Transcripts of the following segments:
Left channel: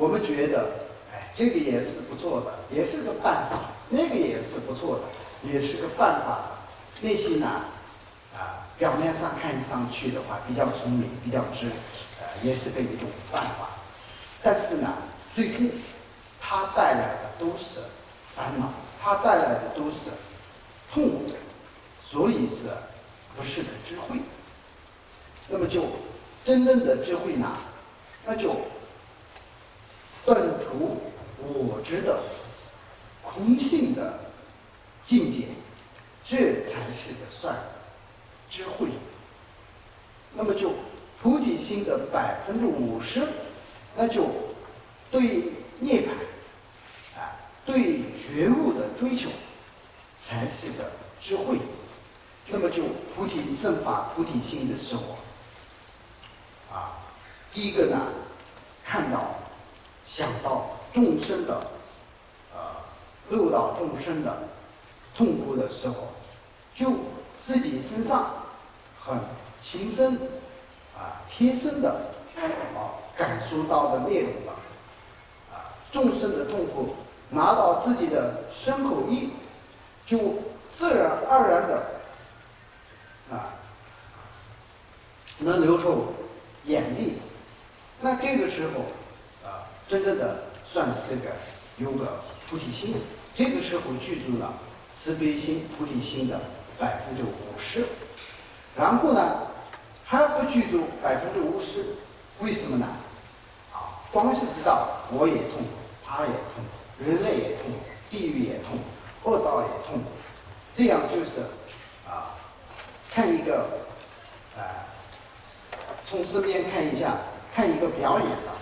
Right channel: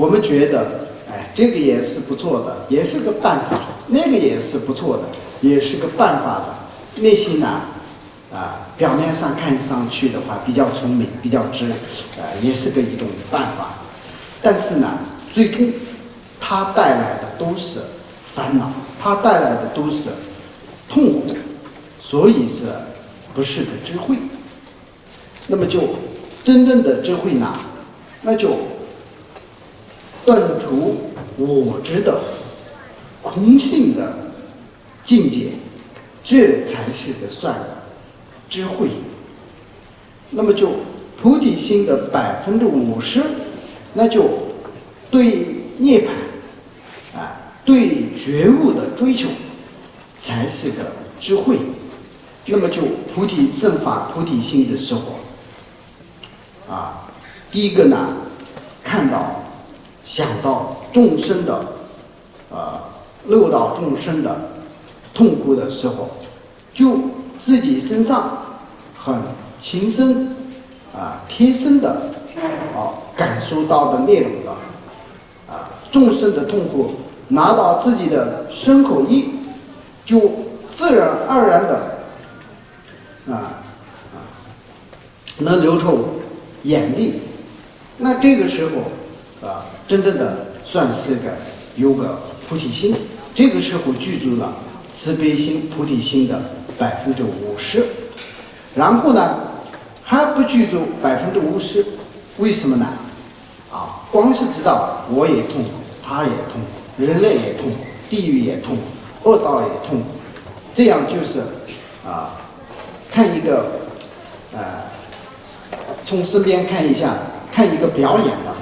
我们觉得，哎，这个也是不错的，也是个办法；那个也是不错的，也是个办法的。内心呢，表面上看上去的话比较聪明，比较直，也是一种办法。但是呢，最终它带来的都是烦恼，它带来的都是痛苦，所以是不是个智慧？那么就真正的智慧呢，那就断除我执的空性的境界，这才是个算智慧。那么就菩提心的50%，那就对涅槃对觉悟的追求才是个智慧。那么就菩提正法菩提心的时候第一个呢，看到想到众生的六道众生的痛苦的时候，就自己身上很亲身贴身的感受到的内容的众生的痛苦，拿到自己的身口意，就自然而然的能流出眼泪。那这个时候真正的算是有个菩提心，这个时候具足了慈悲心菩提心的50%。然后呢，还不具足50%，为什么呢？光是知道我也痛苦，他也痛苦，人类也痛苦，地狱也痛苦，恶道也痛苦，这样就是看一个从身边看一下，看一个表演的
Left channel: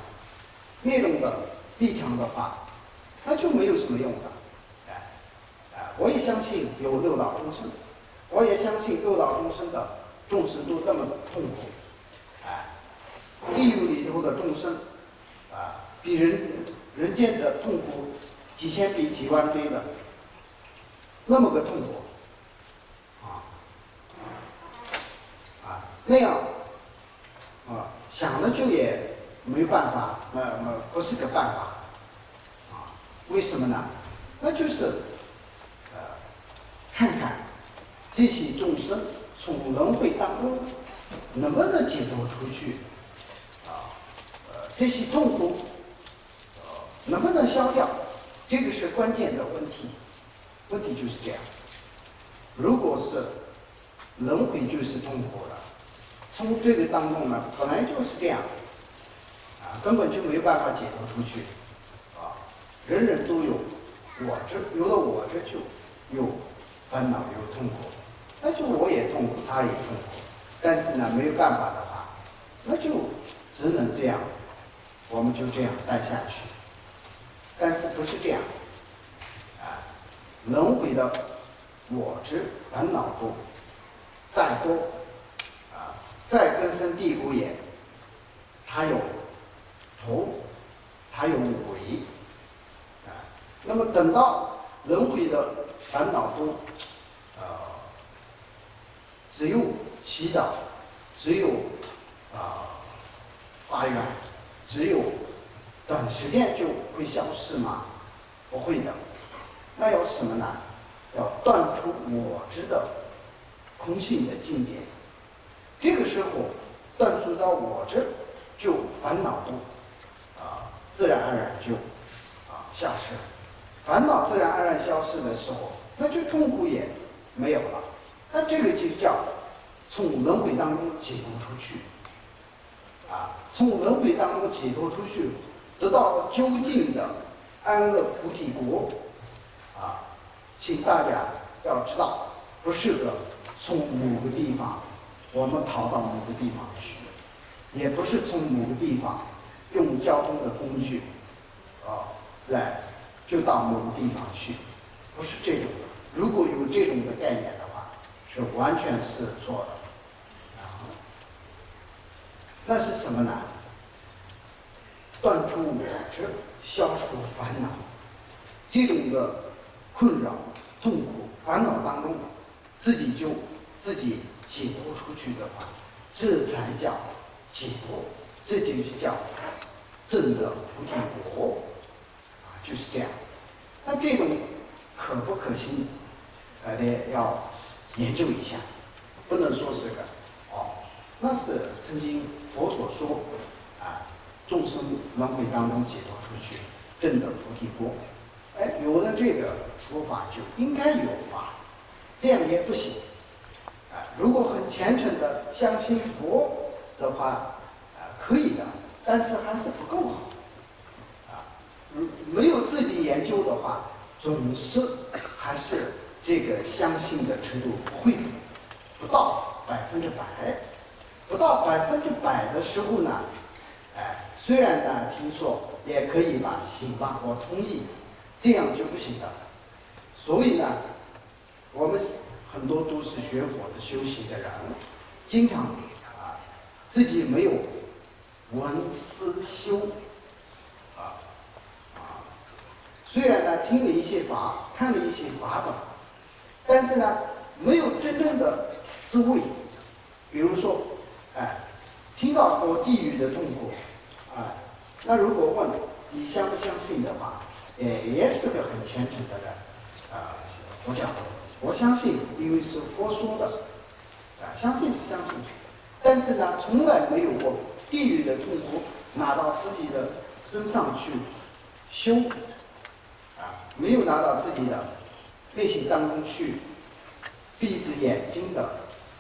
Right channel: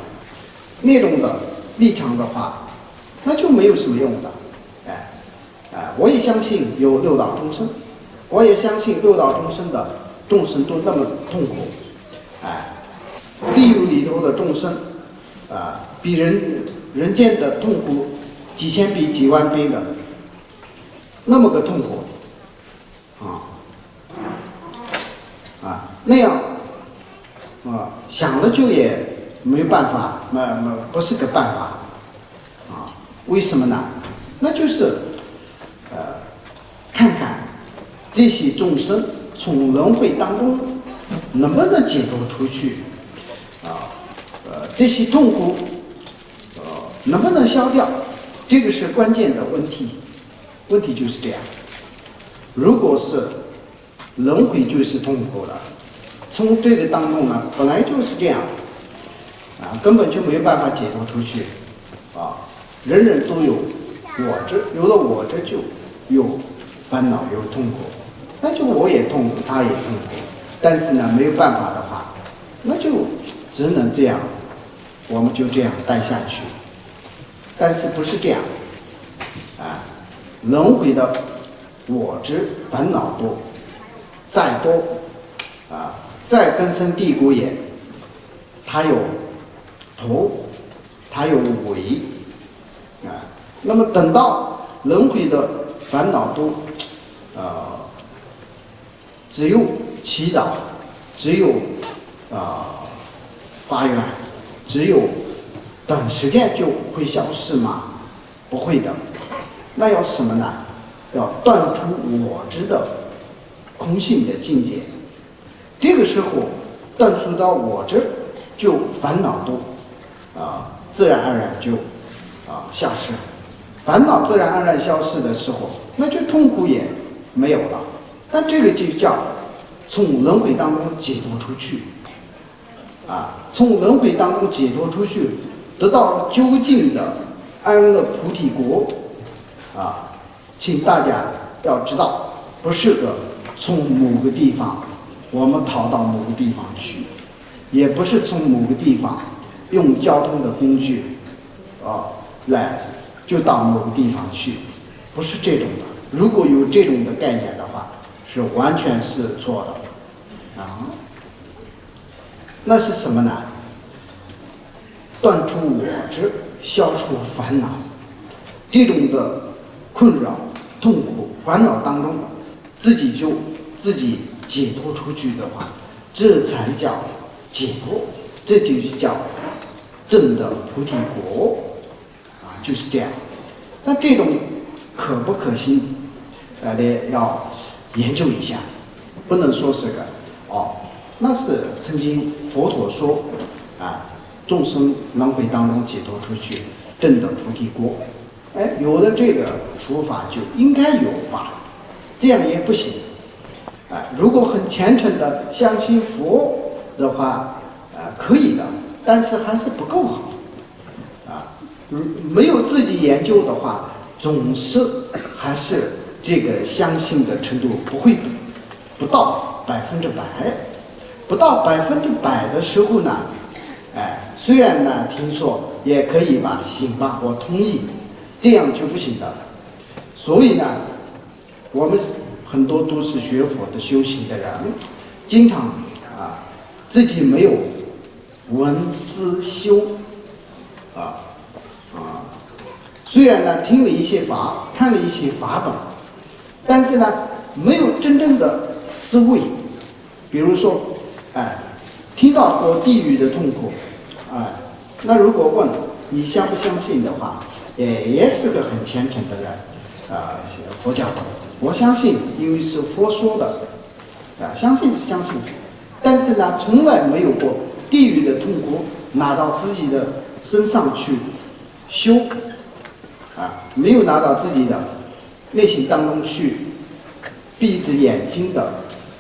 那种的立场的话，那就没有什么用的。我也相信有六道众生，我也相信六道众生的众生都那么痛苦。地狱里头的众生比人间的痛苦几千倍几万倍的那么个痛苦那样想了就也没办法，不是个办法为什么呢？那就是看看这些众生从轮回当中能不能解脱出去这些痛苦能不能消掉，这个是关键的问题。问题就是这样，如果是轮回就是痛苦了，从这个当中呢，本来就是这样根本就没办法解脱出去人人都有我执，有了我执就有烦恼有痛苦，那就我也痛苦他也痛苦，但是呢没有办法的话，那就只能这样，我们就这样待下去。但是不是这样轮回的我执烦恼多，再多再根深蒂固也，它有头，它有尾那么等到轮回的烦恼多只有祈祷，只有发愿，只有短时间就会消失吗？不会的。那要什么呢？要断除我执的空性的境界。这个时候断除到我执，就烦恼都自然而然就消失了。烦恼自然而然消失的时候，那就痛苦也没有了。那这个就叫从轮回当中解脱出去从轮回当中解脱出去，得到究竟的安乐菩提国请大家要知道，不是从某个地方我们逃到某个地方去，也不是从某个地方用交通的工具来就到某个地方去，不是这种的。如果有这种的概念的话，是完全是错的那是什么呢？断除我执，消除烦恼，这种的困扰痛苦烦恼当中自己解脱出去的话，这才叫解脱，这就叫证得菩提果，就是这样。那这种可不可行？得要研究一下，不能说是个那是曾经佛陀说众生轮回当中解脱出去，证得菩提果。有了这个说法就应该有法，这样也不行。如果很虔诚的相信佛的话，可以的，但是还是不够好。没有自己研究的话，总是还是这个相信的程度不到100%，不到100%的时候呢，虽然呢听说也可以把信发我同意，这样就不行的。所以呢，我们很多都是学佛的修行的人，经常自己没有闻思修虽然呢听了一些法，看了一些法本，但是呢没有真正的思维。比如说听到过地狱的痛苦那如果问你相不相信的话，也是个很虔诚的人佛教我相信，因为是佛说的相信是相信，但是呢从来没有过地狱的痛苦拿到自己的身上去修没有拿到自己的内心当中去闭着眼睛的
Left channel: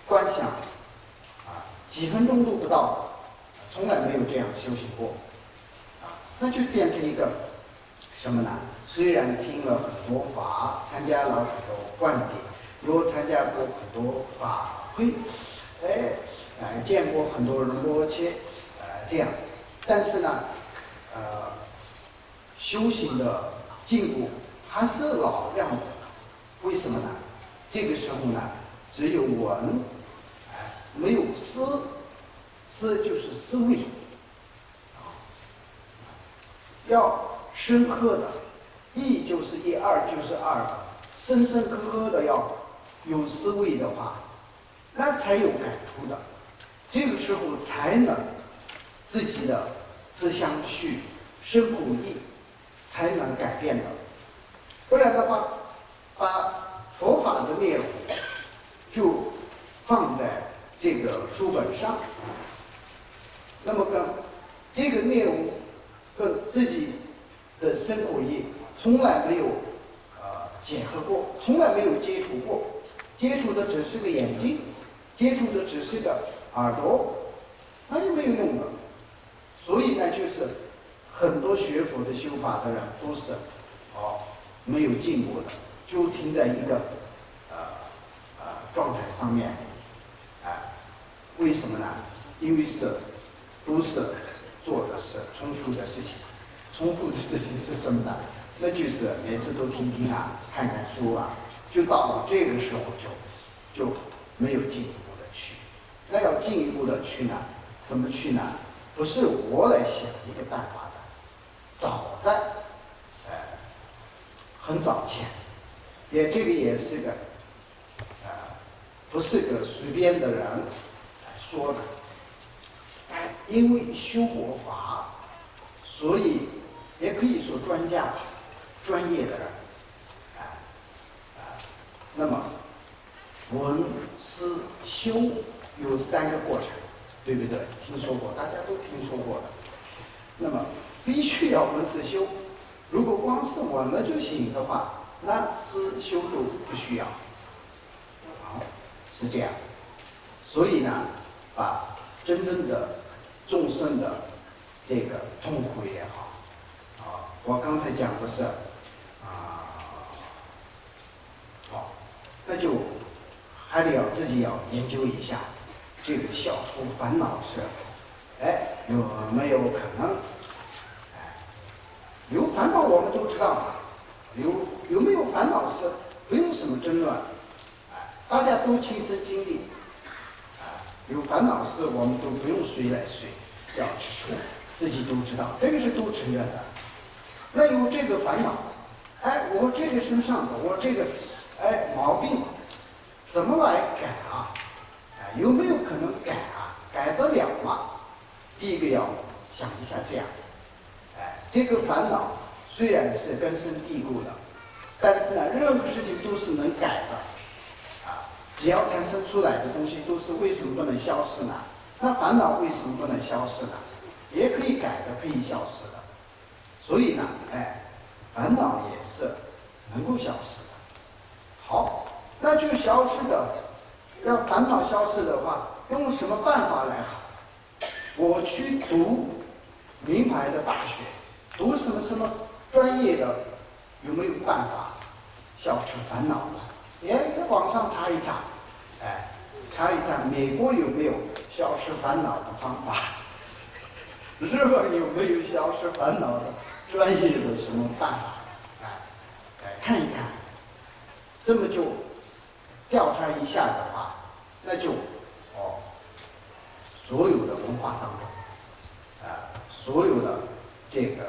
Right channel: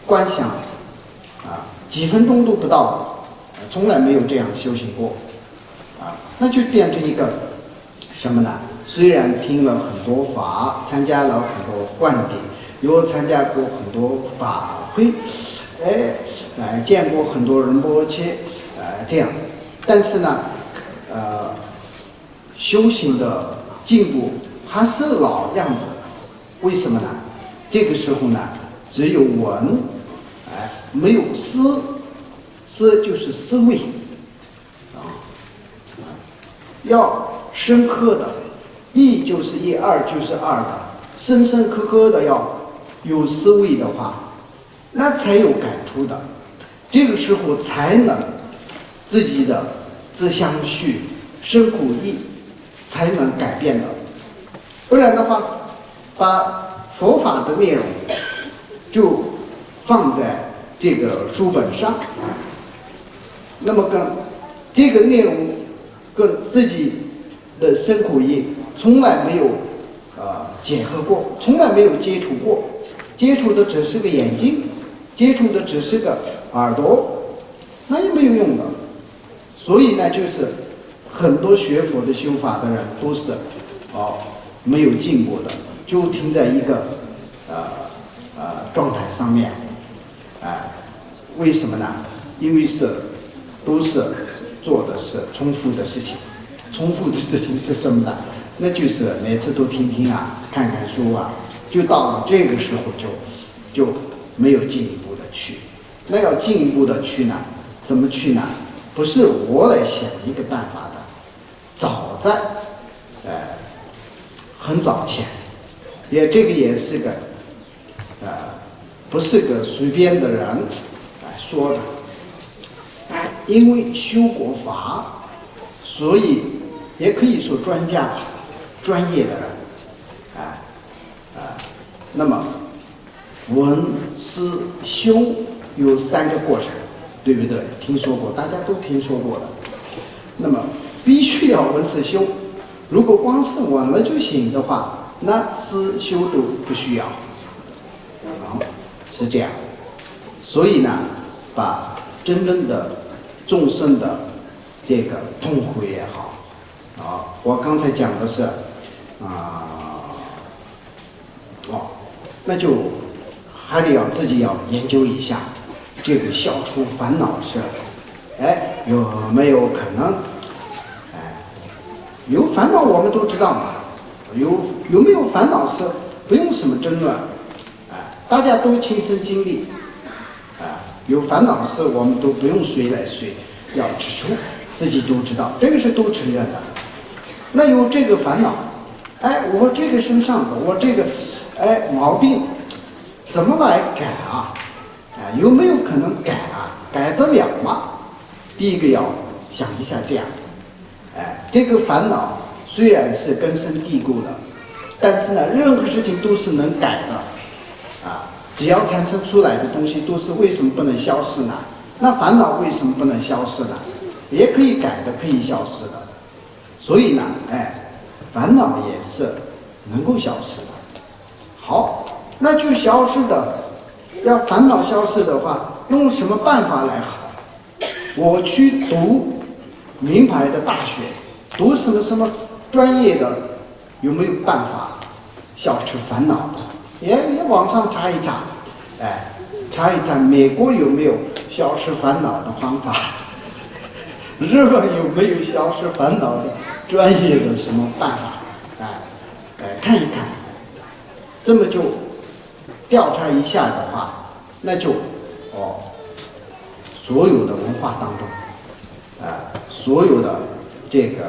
观想几分钟都不到，从来没有这样修行过那就变成一个什么呢？虽然听了很多法，参加了很多灌顶，又参加过很多法会，见过很多仁波切这样，但是呢修行的进步还是老样子。为什么呢？这个时候呢只有闻没有思，思就是思维要深刻的，一就是一，二就是二的，深深刻刻的要有思维的话，那才有感触的。这个时候才能自己的自相续、身苦意才能改变的。不然的话，把佛法的内容就放在这个书本上，那么跟这个内容跟自己的身苦意从来没有结合过，从来没有接触过，接触的只是个眼睛，接触的只是个耳朵，那也没有用的。所以呢，就是很多学佛的修法的人都是没有进步的，就停在一个状态上面为什么呢？因为都是做的是重复的事情。重复的事情是什么呢？那就是每次都听听看看书就到了这个时候就没有进一步的去。那要进一步的去呢，怎么去呢？不是我来想一个办法的，早在很早前，这个也是个不是个随便的人说的。因为修过法，所以也可以说专家专业的人那么闻思修有3个过程，对不对？听说过，大家都听说过的。那么必须要闻思修，如果光是闻了就行的话，那思修都不需要是这样。所以呢，把真正的众生的这个痛苦也好我刚才讲的是那就还得要自己要研究一下，这个消除烦恼是有没有可能有烦恼我们都知道嘛，有没有烦恼是不用什么争论大家都亲身经历有烦恼事我们都不用谁来谁要指出，自己都知道，这个是都承认的。那有这个烦恼我这个身上的我这个毛病怎么来改有没有可能改改得了吗？第一个要想一下这样这个烦恼虽然是根深蒂固的，但是呢，任何事情都是能改的，只要产生出来的东西都是为什么不能消失呢？那烦恼为什么不能消失呢？也可以改的，可以消失的。所以呢，烦恼也是能够消失的。好，那就消失的，要烦恼消失的话，用什么办法来好？我去读名牌的大学，读什么专业的，有没有办法消除烦恼？也网上查一查，查一查美国有没有消失烦恼的方法，日本有没有消失烦恼的专业的什么办法？看一看，这么就调查一下的话，那就所有的文化当中，所有的这个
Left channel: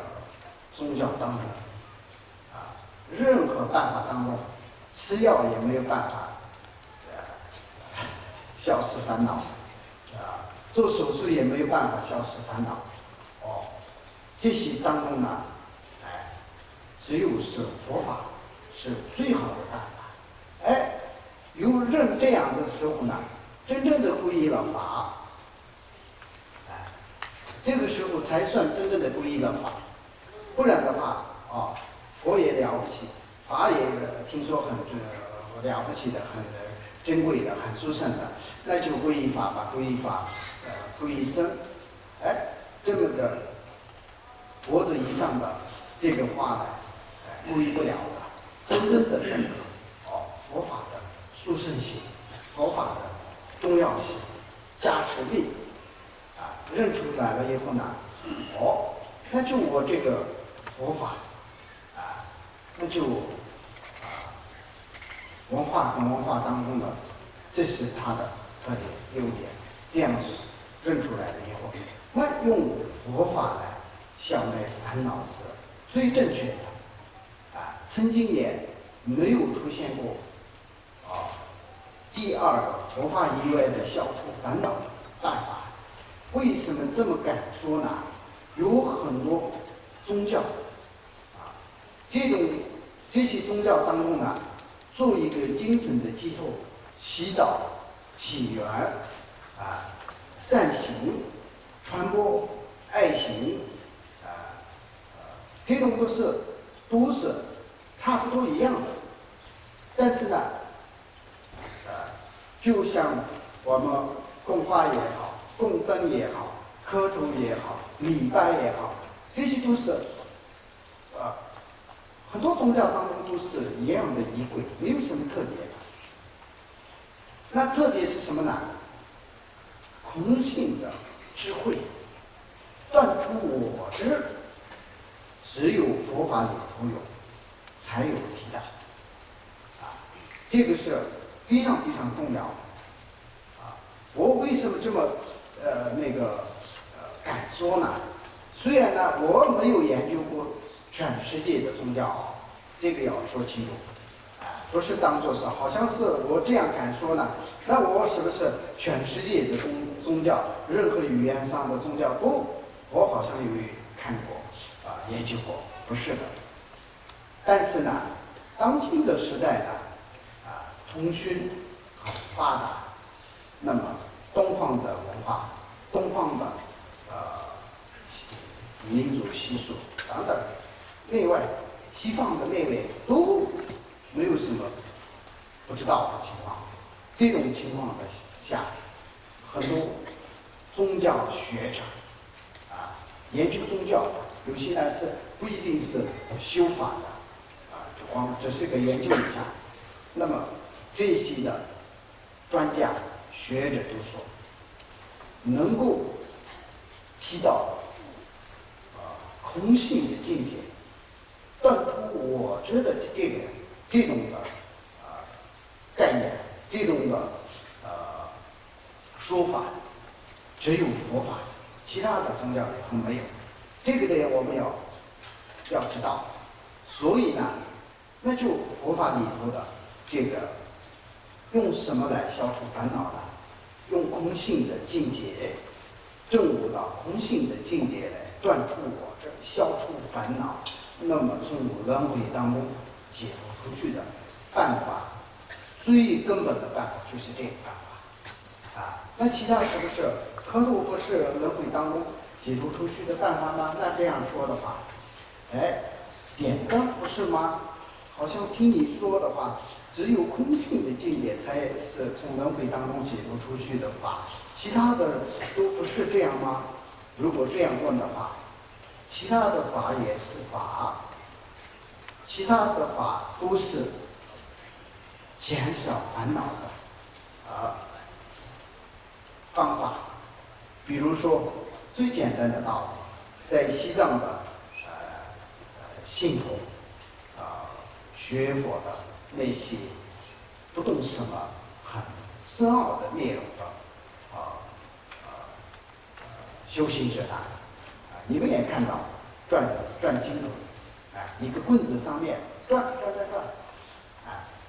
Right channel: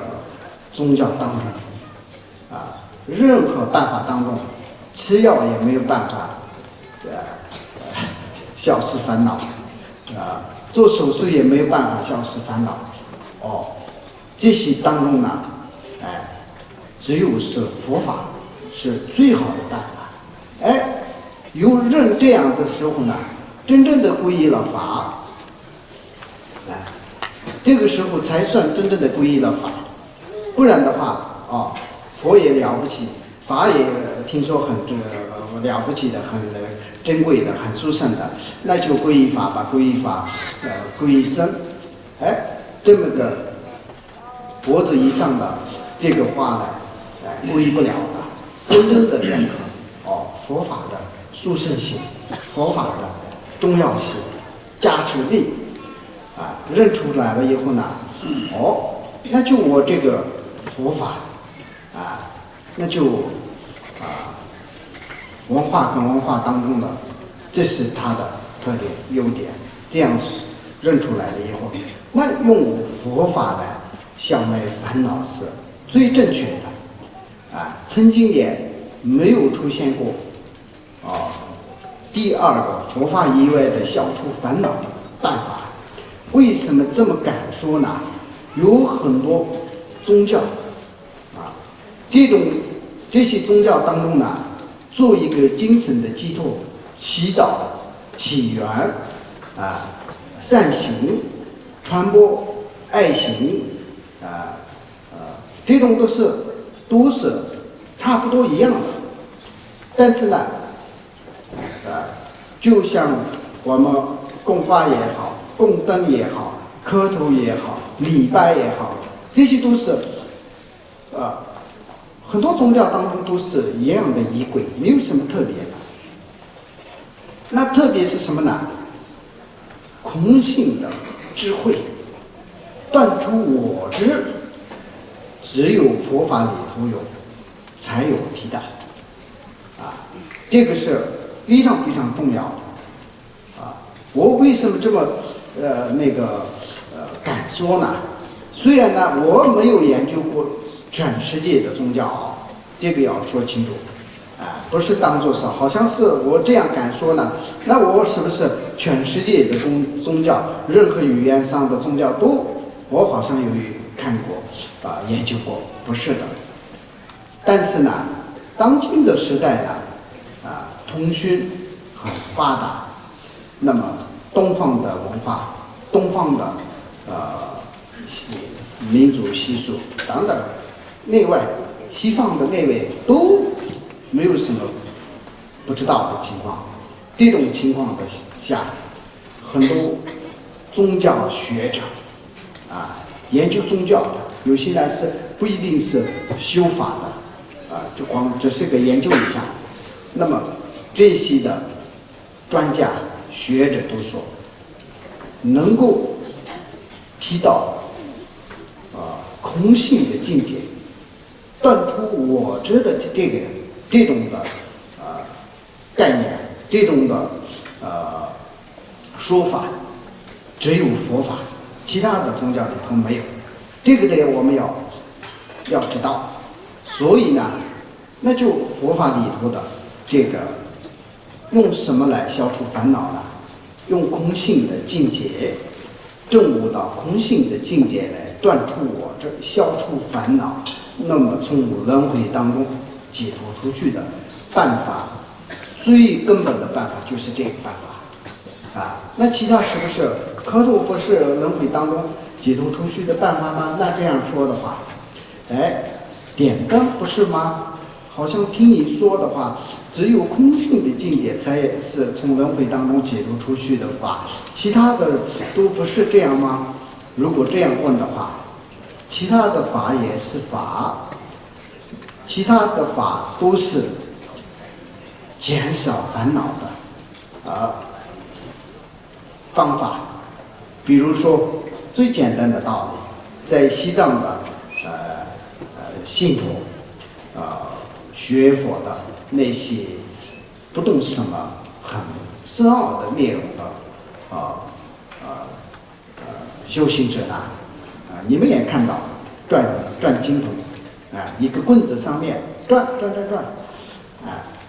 宗教当中，任何办法当中，吃药也没有办法消失烦恼，做手术也没有办法消失烦恼。这些当中呢，只有是佛法是最好的办法。有人这样的时候呢，真正的皈依了法，这个时候才算真正的皈依了法。不然的话，佛也了不起，法也听说很了不起的，很珍贵的，很殊胜的，那就皈依法吧，皈依法，皈依僧。这么个脖子以上的这个话呢，皈依不了的。真正的认可佛法的殊胜性，佛法的重要性、加持力，认出来了以后呢，那就我这个佛法，那就文化跟文化当中的，这是它的特点优点。这样认出来了以后，那用佛法来消灭烦恼是最正确的。曾经也没有出现过第二个佛法以外的消除烦恼的办法。为什么这么敢说呢？有很多宗教这些宗教当中呢，做一个精神的寄托，祈祷、祈愿、善行、传播爱心，这种都是差不多一样的。但是呢，就像我们供花也好，供灯也好，磕头也好，礼拜也好，这些都是很多宗教当中都是一样的仪轨，没有什么特别的。那特别是什么呢？空性的智慧，断除我执，只有佛法里头有，才有替代。这个是非常非常重要的。我为什么这么敢说呢？虽然呢，我没有研究过全世界的宗教，这个要说清楚，不是当作是好像是我这样敢说呢，那我是不是全世界的宗教，任何语言上的宗教都我好像有看过研究过？不是的。但是呢，当今的时代呢，通讯很发达，那么东方的文化，东方的民族习俗，当然内外西方的内外都没有什么不知道的情况。这种情况的下，很多宗教学者研究宗教的，有些呢是不一定是修法的，就光只是个研究一下。那么这些的专家学者都说，能够提到空性的境界，断除我执的这种的概念，这种的说法，只有佛法，其他的宗教里头没有。这个呢，我们要知道。所以呢，那就佛法里头的这个用什么来消除烦恼呢？用空性的境界，证悟到空性的境界来断除我执，消除烦恼，那么从轮回当中解脱出去的办法，最根本的办法就是这个办法啊。那其他是不是可度不是轮回当中解脱出去的办法吗？那这样说的话，点灯不是吗？好像听你说的话，只有空性的境界才是从轮回当中解脱出去的法，其他的都不是这样吗？如果这样问的话，其他的法也是法，其他的法都是减少烦恼的方法。比如说最简单的道理，在西藏的信徒学佛的那些不懂什么很深奥的内容的修行者你们也看到转经筒一个棍子上面转，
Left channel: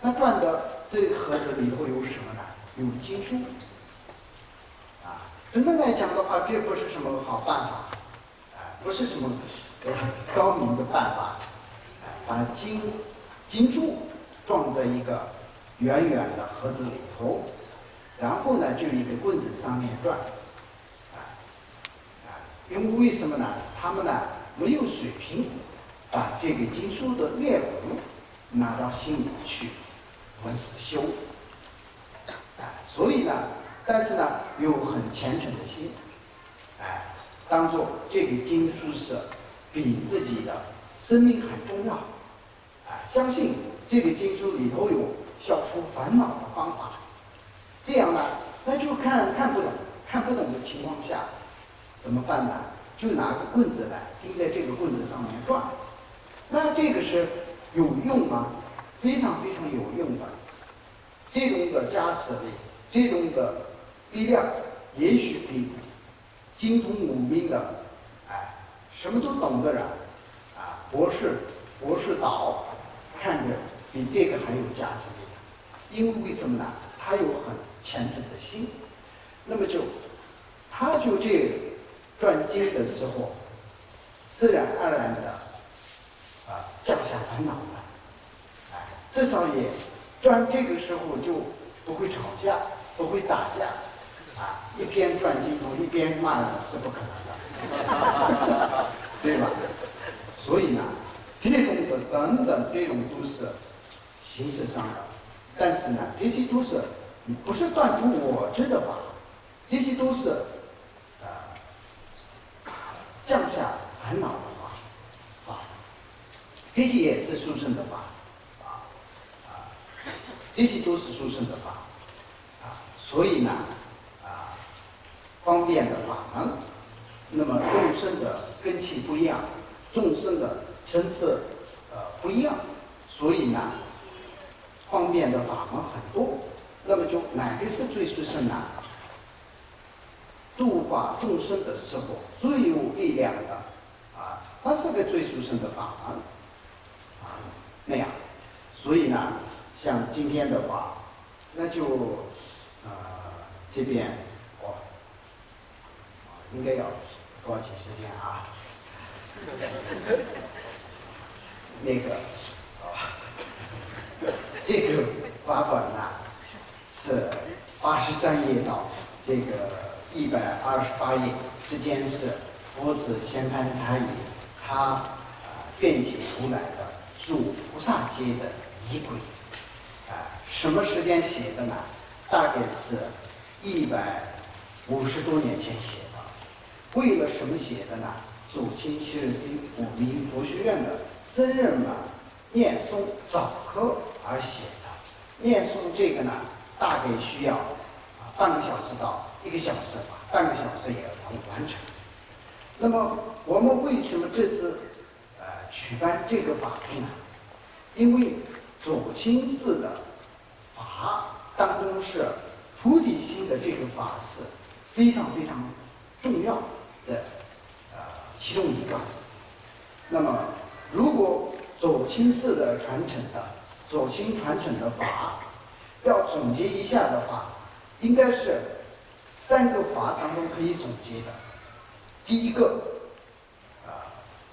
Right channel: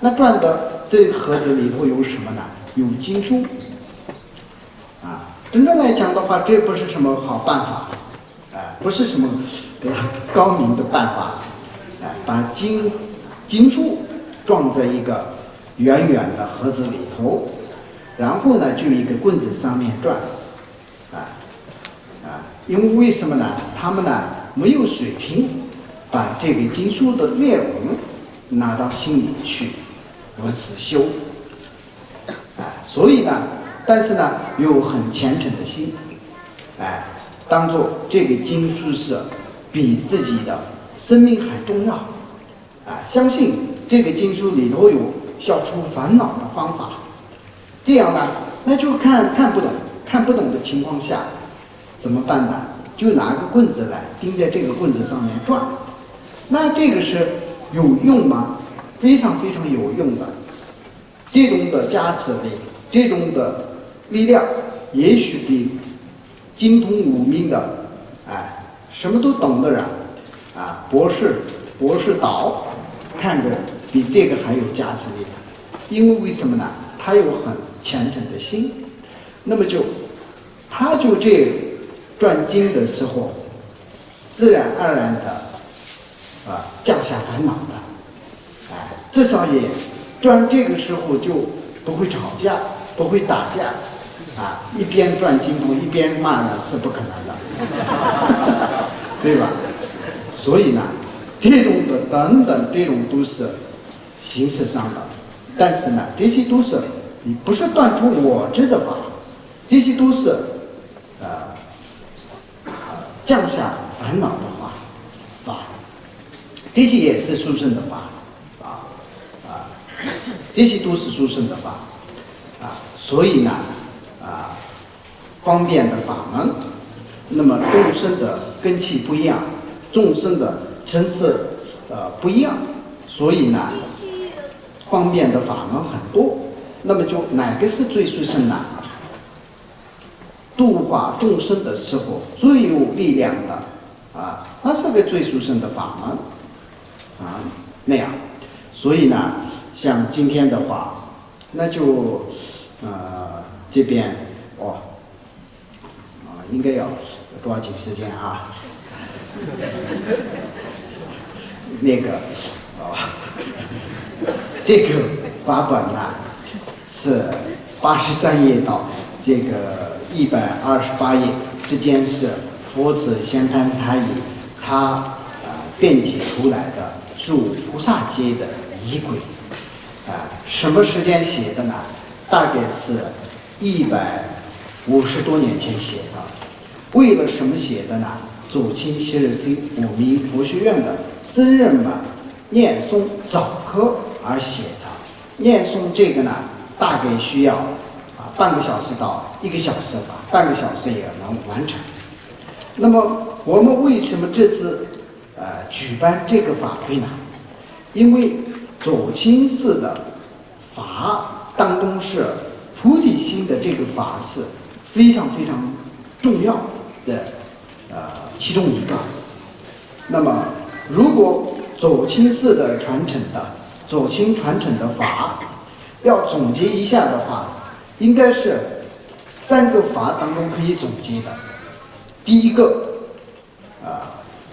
那转的这个盒子里头有什么呢？有经书真正来讲的话，这不是什么好办法不是什么高明的办法把经书装在一个圆圆的盒子里头，然后呢就一个棍子上面转因为什么呢？他们呢没有水平把这个经书的内容拿到心里去如此修所以呢，但是呢有很虔诚的心当做这个经书是比自己的生命还重要相信这个经书里头有消除烦恼的方法，这样呢那就看不懂的情况下怎么办呢？就拿个棍子来钉在这个棍子上面转，那这个是有用吗？非常非常有用的。这种的加持力，这种的力量，也许比精通武明的什么都懂的人博士导看着比这个还有加持力的。因为什么呢？他有很虔诚的心，那么他就这转经的时候，自然而然的降下烦恼的至少也转这个时候就不会吵架，不会打架一边转经筒一边骂人是不可能的对吧？所以呢这种的等等，这种都是形式上的，但是呢这些都是不是断除我执的法，这些都是降下烦恼的法，这些也是殊胜的法这些都是殊胜的法所以呢方便的法门，那么众生的根器不一样，众生的层次不一样，所以呢方便的法门很多，那么就哪个是最殊胜呢？度化众生的时候最有力量的它是个最殊胜的法门那样。所以呢像今天的话，那就这边应该要抓紧时间那个这个法本呢是83页到这个128页之间，是佛子仙潘他以他编辑出来的入菩萨阶的仪轨什么时间写的呢？大概是150多年前写的。为了什么写的呢？左倾西日星武明佛学院的僧人们念诵早课而写的。念诵这个呢大概需要半个小时到1个小时吧，半个小时也能完成。那么我们为什么这次举办这个法会呢？因为走亲寺的法当中是菩提心的这个法是非常非常重要的其中一个。那么如果走亲寺的传承的法要总结一下的话，应该是3个法当中可以总结的。第一个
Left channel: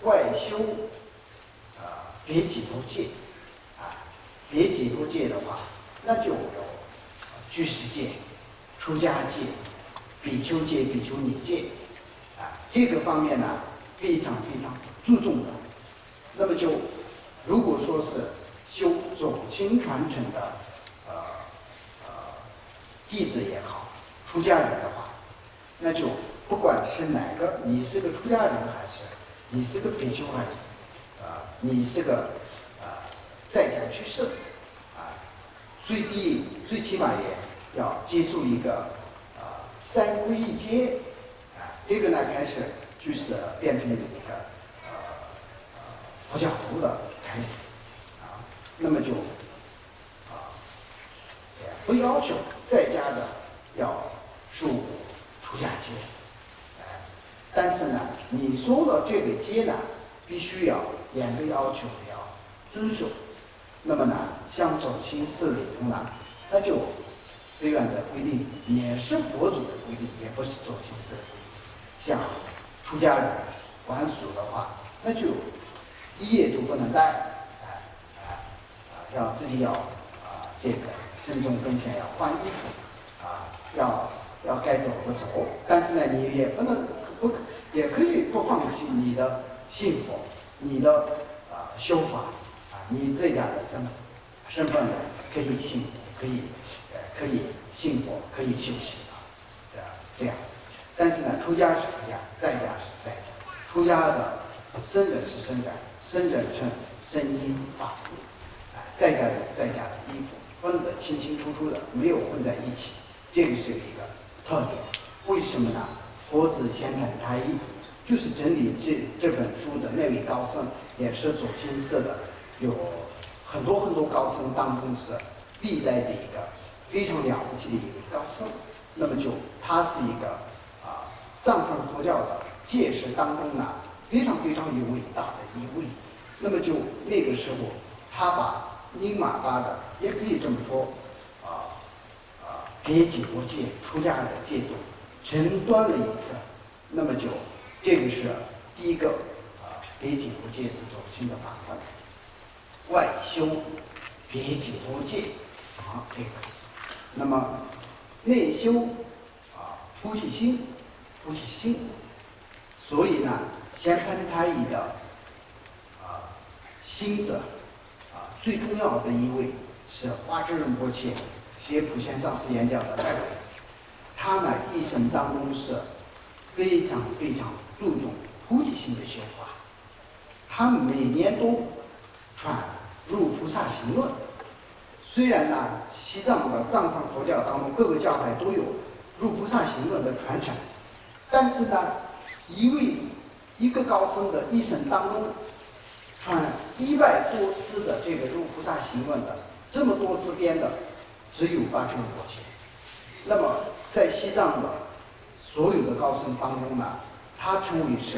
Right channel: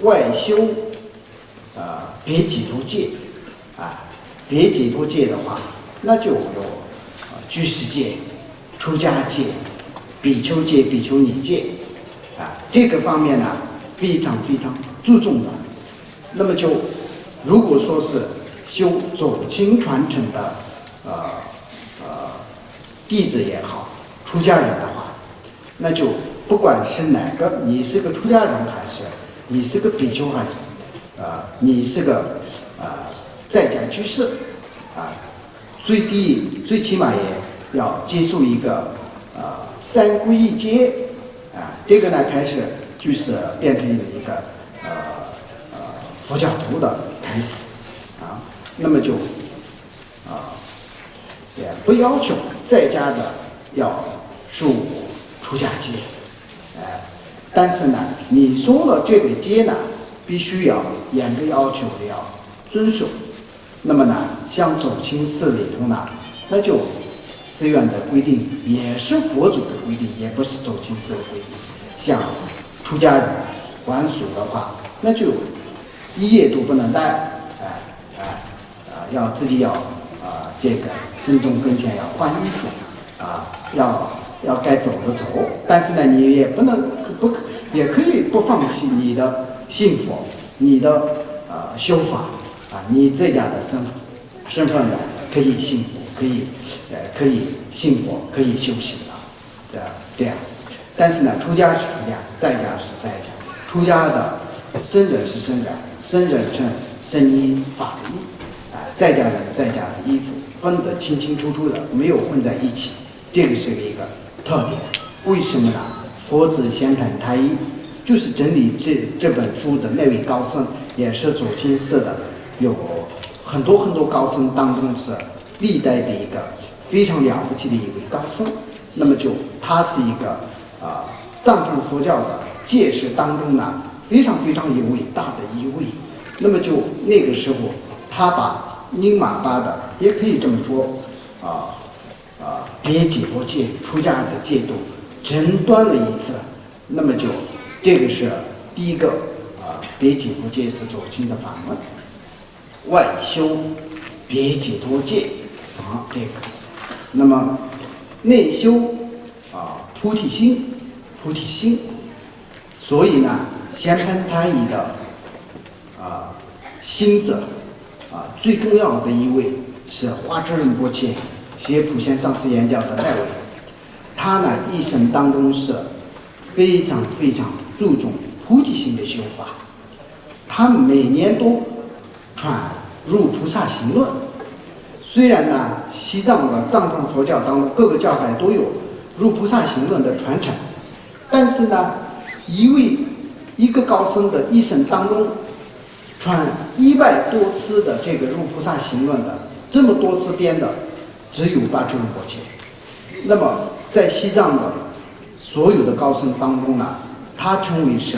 外修别解脱戒别解脱戒的话，那就有居士戒、出家戒、比丘戒、比丘尼戒这个方面呢非常非常注重的。那么就如果说是修走亲传承的弟子也好，出家人的话，那就不管是哪个，你是个出家人还是你是个比丘还是你是个在家居士最起码也要接受一个三皈依戒这个呢开始就是变成一个佛教徒的开始那么就也不要求在家的要受出家戒但是呢你说了这个戒呢必须要严格要求的要遵守。那么呢像走亲寺里头呢，那就寺院的规定也是佛祖的规定，也不是走亲寺的规定。像出家人还俗的话，那就一夜都不能待要自己要这个僧众跟前要换衣服要该走的走，但是呢你也不能也可以不放弃你的信佛，你的修法你这样的身份呢可以信佛，可以信佛，可以修行这样。但是呢出家是出家，在家是在家，出家的僧人是僧人，僧人是僧衣法衣在家人在家的衣服分得清清楚楚的，没有混在一起，这个是一个特点。为什么呢？佛子仙坛太一就是整理这本书的那位高僧，也是走亲寺的，有很多很多高僧当中是历代的一个非常了不起的一位高僧。那么就他是一个藏传佛教的戒师当中呢非常非常有伟大的一位。那么就那个时候他把宁玛巴的也可以这么说别解脱戒出家的戒度整端了一次。那么就这个是第一个别解脱戒是走亲的法门，外修别解脱戒这个。那么内修菩提心，所以呢仙盘太一的心者最重要的一位是花智仁波切，写普贤上师言教的代为。他呢一生当中是非常非常注重菩提心的修法，他每年都传入菩萨行论。虽然呢西藏的藏传佛教当中各个教派都有入菩萨行论的传承，但是呢一个高僧的一生当中传100多次的这个入菩萨行论的，这么多次编的只有八智仁波切。那么在西藏的所有的高僧当中呢，他称为是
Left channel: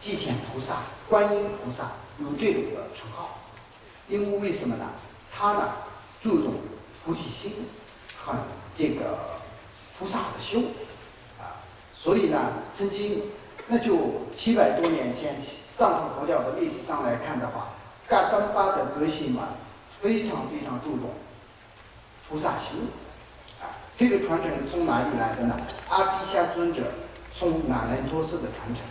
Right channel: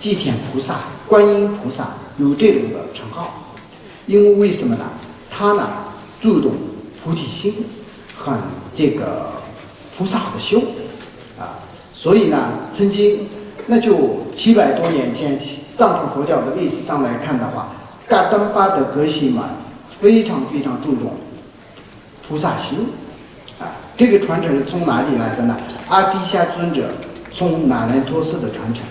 祭天菩萨、观音菩萨，有这种的称号。因为什么呢？他呢注重菩提心和这个菩萨的修所以呢曾经那就700多年前藏传佛教的历史上来看的话，噶当巴的格西玛非常非常注重菩萨心这个传承是从哪里来的呢？阿底峡尊者从那兰陀寺的传承。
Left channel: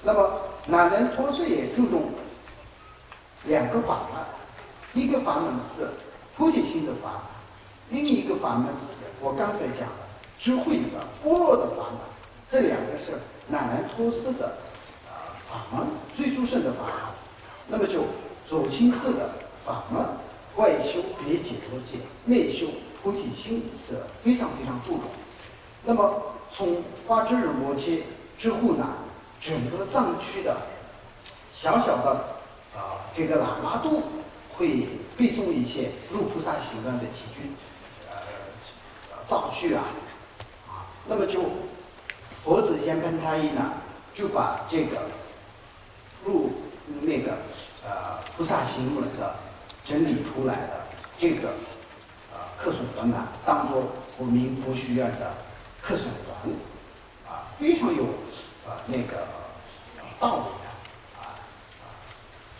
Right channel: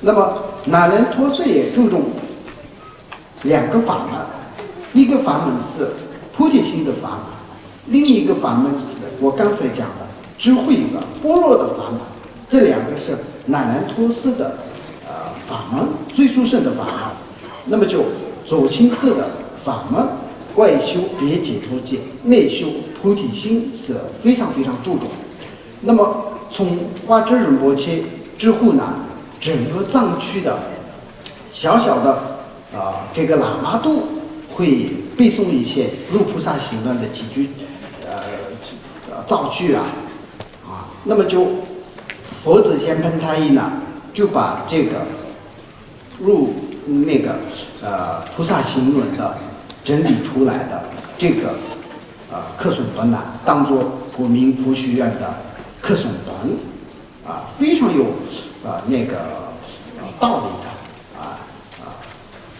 那么那兰陀寺也注重2个法门，一个法门是菩提心的法门，另一个法门是我刚才讲的智慧的般若的法门。这2个是那兰陀寺的法门，最殊胜的法门。那么就走亲寺的法门，外修别解脱戒，内修菩提心是非常非常注重。那么从花智仁波切之后呢，整个藏区的小小的这个喇嘛都会背诵一些入菩萨行论的几句造句那么就佛子仙盘太一呢就把这个入那个菩萨行论的整理出来的这个课损本呢，当作国民佛学院的课损本非常有那个道理的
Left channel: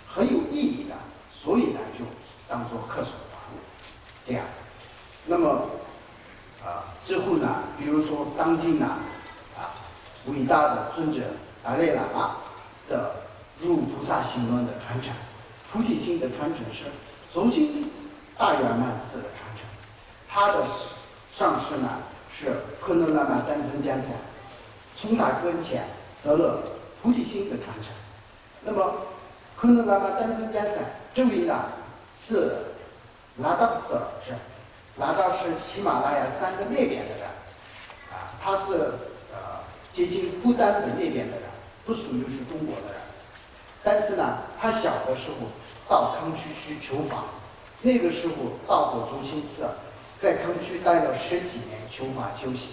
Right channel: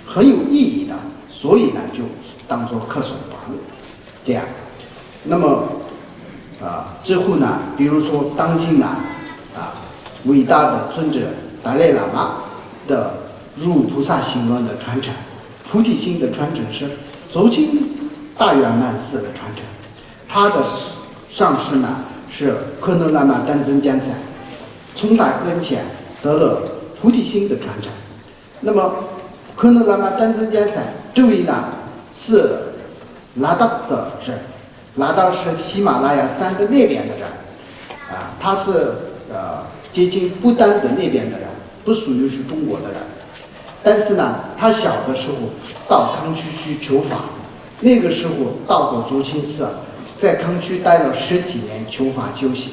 很有意义的，所以呢就当做课手团这样。那么之后呢，比如说当今呢伟大的尊者达赖喇嘛的入菩萨行论的传承，菩提心的传承是走进大圆满寺的传承，他的上师呢是科诺喇嘛丹增坚赞，从他跟前得了菩提心的传承。那么科诺喇嘛丹增坚赞这位呢是拉达的人，拉达是喜马拉雅山的那边的人他是接近不丹的那边的人，不属于是中国的人。但是呢，他小的时候到康区去求法，那个时候到过竹清寺，在康区待了10几年求法修行。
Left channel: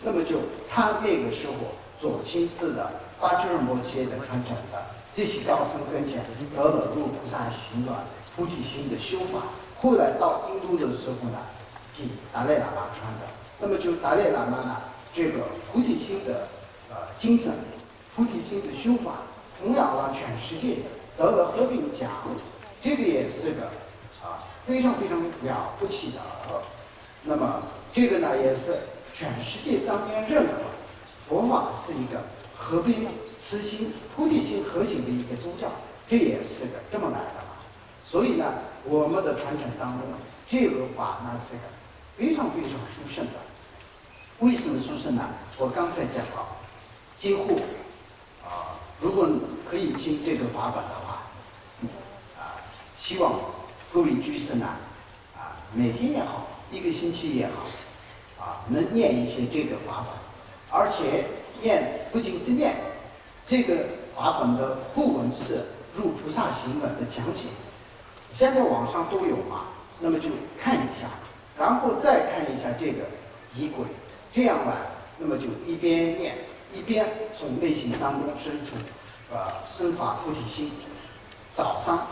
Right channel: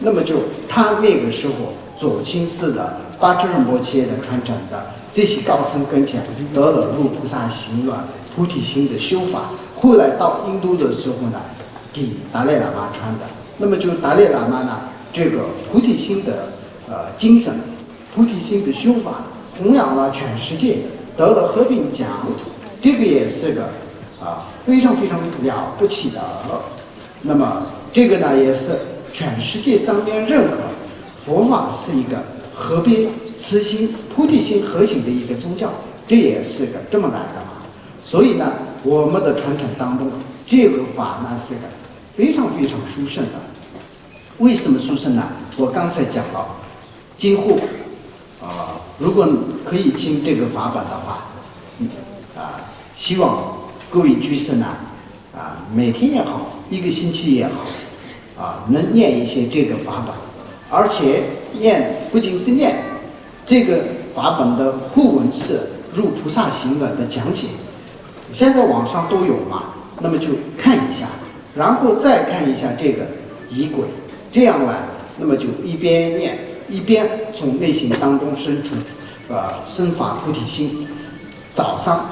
那么就他那个时候左清寺的巴智仁波切的传承的这些高僧跟前得了入菩萨行论菩提心的修法，后来到印度的时候呢，给达赖喇嘛传的。那么就达赖喇嘛呢，这个菩提心的精神，菩提心的修法弘扬了全世界，得了和平奖，这个也是个非常非常了不起的。那么这个呢，也是全世界上面认可佛法是一个和悲慈心菩提心核心的一个宗教，这也是个这么来的嘛。所以呢，我们的传承当中，这个法呢是个非常非常殊胜的。为什么殊胜呢？我刚才讲了，今后如果可以听这个法本的话，希望各位居士呢每天也好，一个星期也好能念一些这个法本，而且念不仅是念这个法本的互文是入菩萨行论的讲解，现在网上都有嘛，那么就看一下，然后再看一下这个仪轨，这样呢，那么就一边念一边从内心当中生出生发菩提心。早上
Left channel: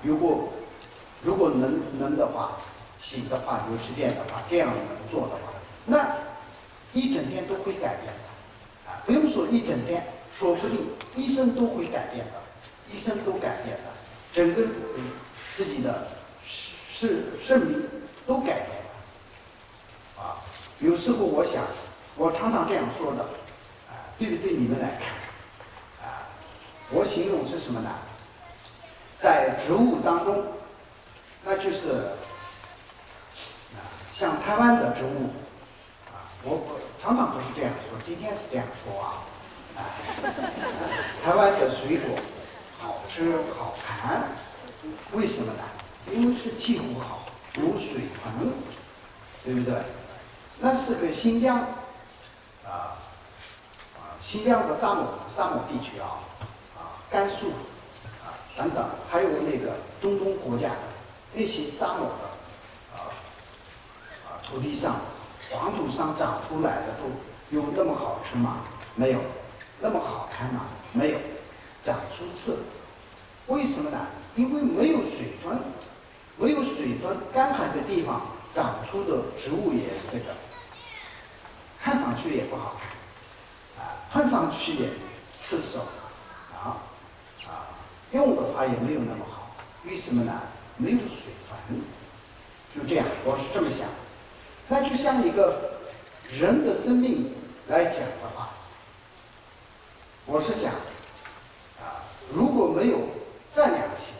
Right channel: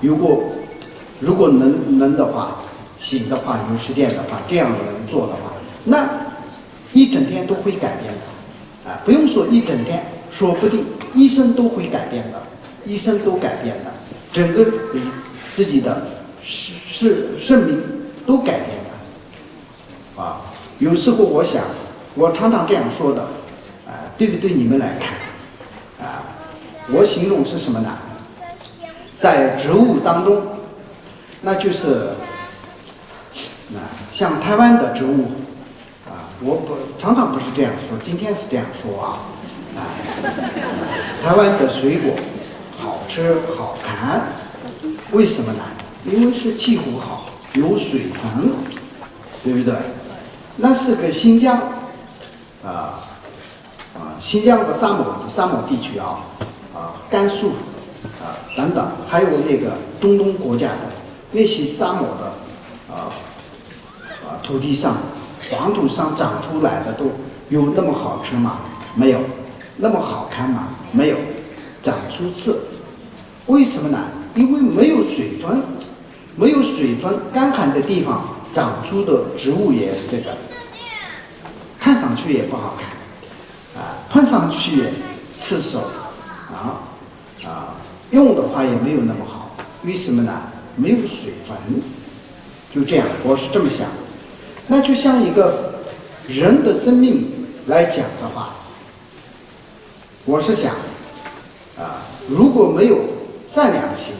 如果能的话，行的话，有时间的话，这样能做的话，那一整天都会改变的不用说一整天，说不定一生都会改变的，一生都改变的，整个自己的生命都改变了有时候我想，我常常这样说的对不对？你们来看我形容是什么呢？在植物当中，那就是像台湾的植物我常常不是这样说，今天是这样说台湾的水果好吃好看，为什么呢？因为是气候好，有水分，对不对？那是个新疆新疆的沙漠地区甘肃等等，还有那个中东国家的那些沙漠的土地上、黄土上长出来的都有那么好吃吗？没有。那么好看吗？没有。长出刺，为什么呢？因为没有水分，没有水分，干旱的地方长出的植物也是个，看上去也不好看碰上去刺手用的话也没有那么好。为什么呢？没有水分。就这样，我是这么想。那就像一个人的生命来讲的话，我是想如果没有善良心，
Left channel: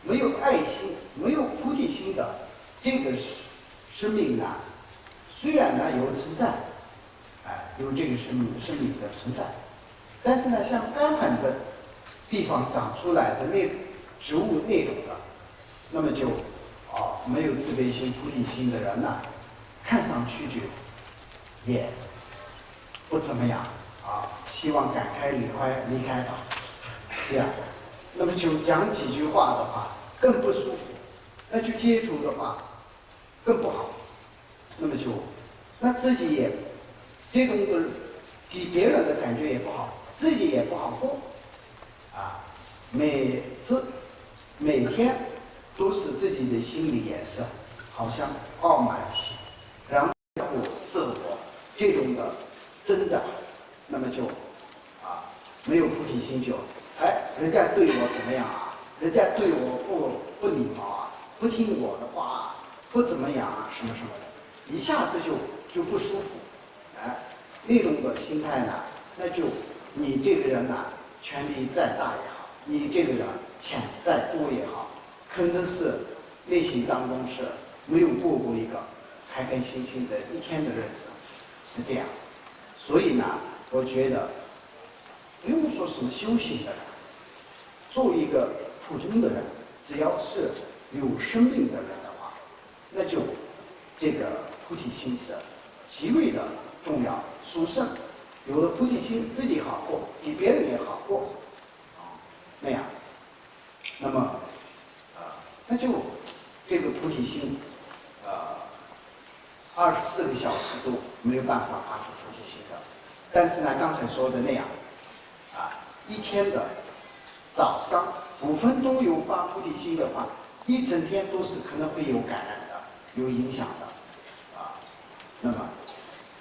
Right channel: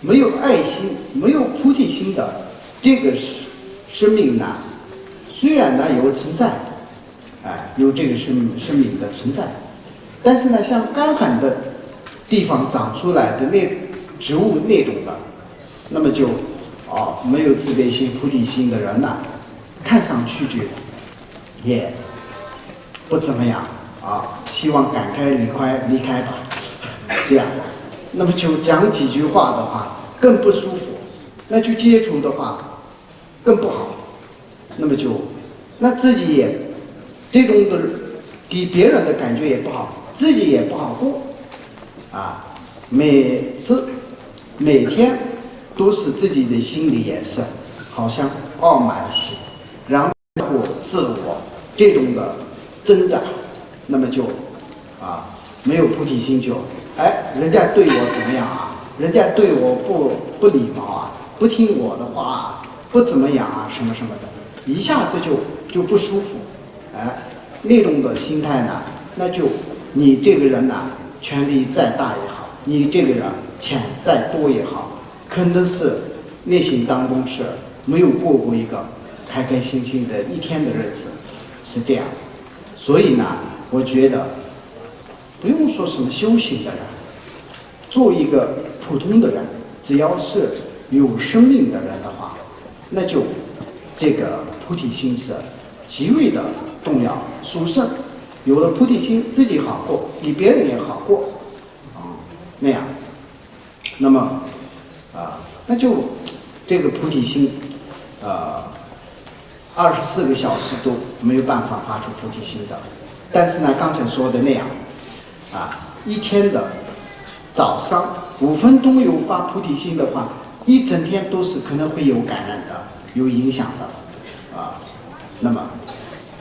没有爱心，没有菩提心的这个生命呢，虽然呢有存在有这个生命的存在，但是呢，像干旱的地方长出来的那植物那种的，那么就没有慈悲心、菩提心的人呢，看上去就也不怎么样希望赶快离开吧，这样的。那么就讲几句话的话更不舒服，那就接触的话更不好，那自己也这种的给别人的感觉也不好，自己也不好过每天都是自己的心里也是好像傲慢心，然后自我这种的挣扎，那么就没有菩提心就，人家对我怎么样啊？人家对我不礼貌啊，不听我的话啊，不怎么样啊，什么什么的，一下子就不舒服，那种的心态呢，那就你这个人呢，权力再大也好，你这个人钱再多也好，可能是内心当中是没有过一个开开心心的一天的日子，是这样。所以呢，我觉得不用说什么修行的人，做一个普通的人，只要是有生命的人的话，那就这个菩提心是极为的重要。殊胜，有了菩提心，自己好过，比别人也好过，那样。那么那就这个菩提心，24个小时都没有办法发出菩提心的。但是呢，刚才说的那样，一天的早上5分钟有发菩提心的话，一整天都是可能会有感染的，有影响的，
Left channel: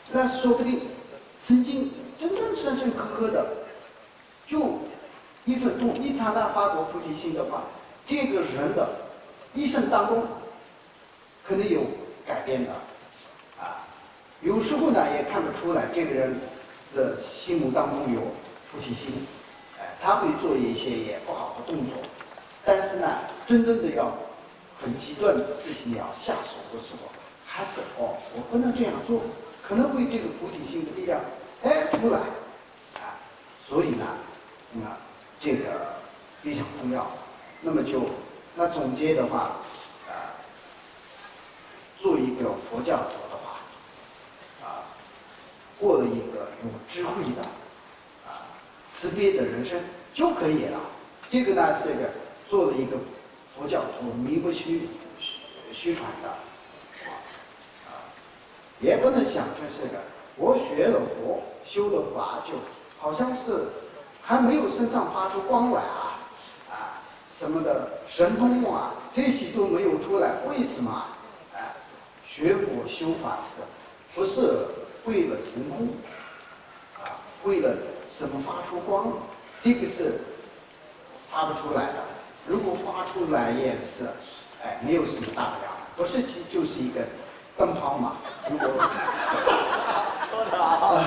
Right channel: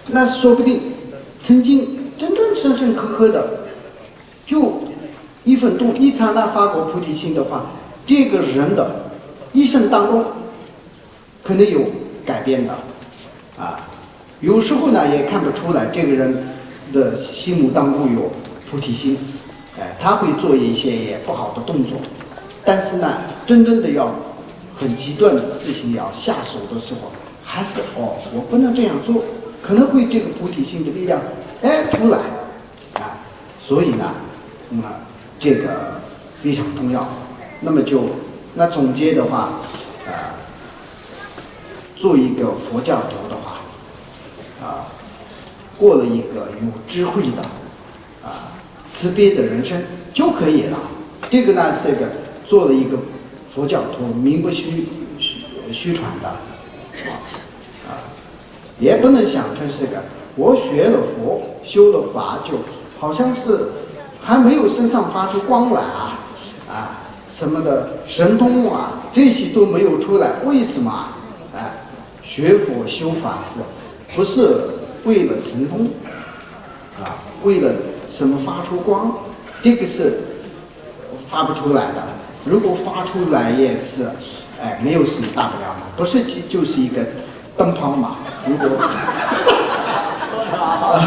那说不定曾经真正刻刻的，就1分钟一刹那发过菩提心的话，这个人的一生当中可能有改变的，有时候呢也看不出来这个人的心目当中有菩提心，他会做一些也不好的动作，但是呢，真正的要很极端的事情要下手的时候，还是我不能这样做，可能会这个菩提心的力量出来，所以呢，这个非常重要。那么那总结的话，做一个佛教徒的话，过了一个有智慧的慈悲的人生就可以了。这个呢是个做了一个佛教徒，名不虚传的，也不能想成是个我学了佛修了法，就好像是还没有身上发出光来什么的神通这些都没有出来。为什么学佛修法不是为了神通为了什么发出光，这个是发不出来的。如果发出来也是没有什么大不了的，不是就是一个灯泡嘛。如果说得好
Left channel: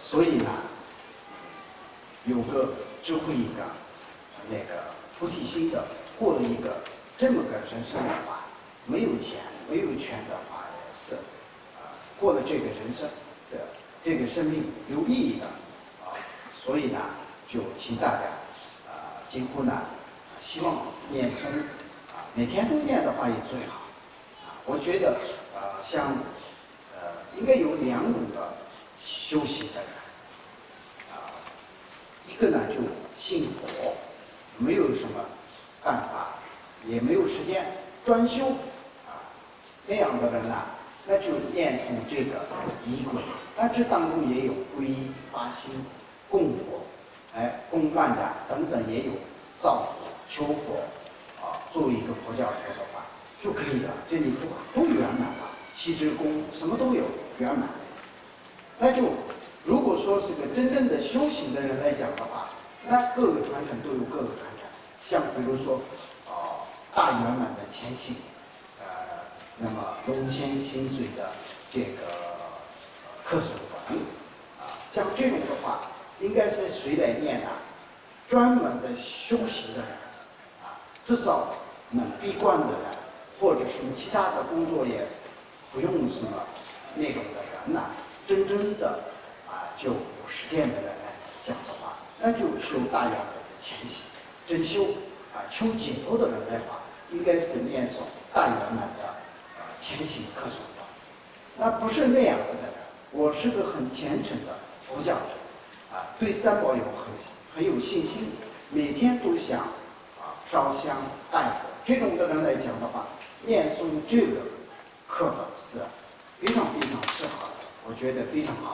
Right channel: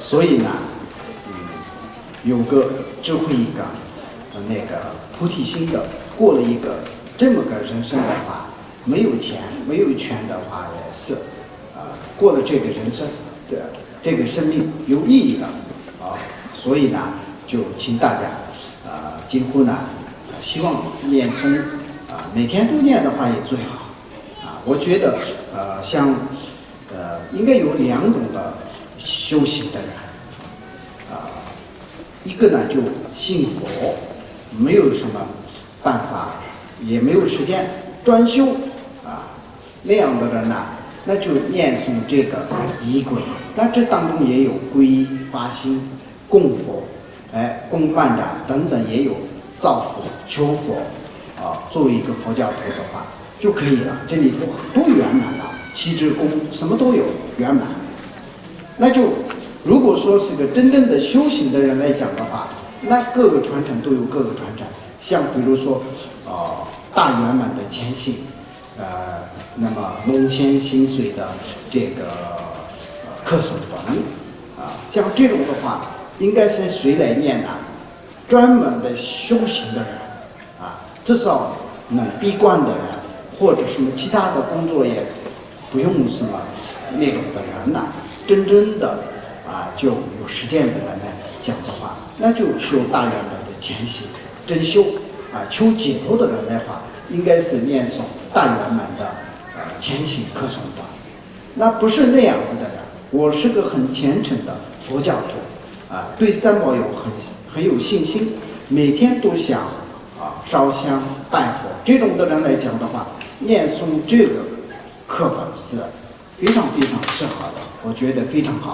所以呢，有个智慧一个那个菩提心的，过了一个这么个人生的话，没有钱没有权的话也是过了这个人生的这个生命有意义的所以呢，就请大家几乎呢希望念诵每天都念的话也最好我觉得像应该有2种的修行的人一个呢就信佛，没有什么办法，也没有时间专修那样的人呢，那就念诵这个仪轨。那这当中也有皈依、发心、供佛、供饭长等等，也有造佛、求佛作为一个佛教徒的话就可以了。这里都圆满了，七支供什么都有圆满。那就如果说是个真正的修行的人来讲的话，那各个传承都有各个传承。像比如说大圆满的前行那么龙千薪水的这个客所文像这种的话应该是谁来念呢？专门的修行的人至少闭关的人或者什么其他的工作也不用什么那种的人真正的就有实践的人来讲的话，那就修大圆满的前行真修求解脱的人的话，应该是念诵大圆满的前行客诵的。那不是那样子的人，我是个很虔诚的佛教徒对三宝有很有信心，每天都想烧香拜佛，这种的人来讲的话，念诵这个课本是非常非常适合的，我觉得非常好。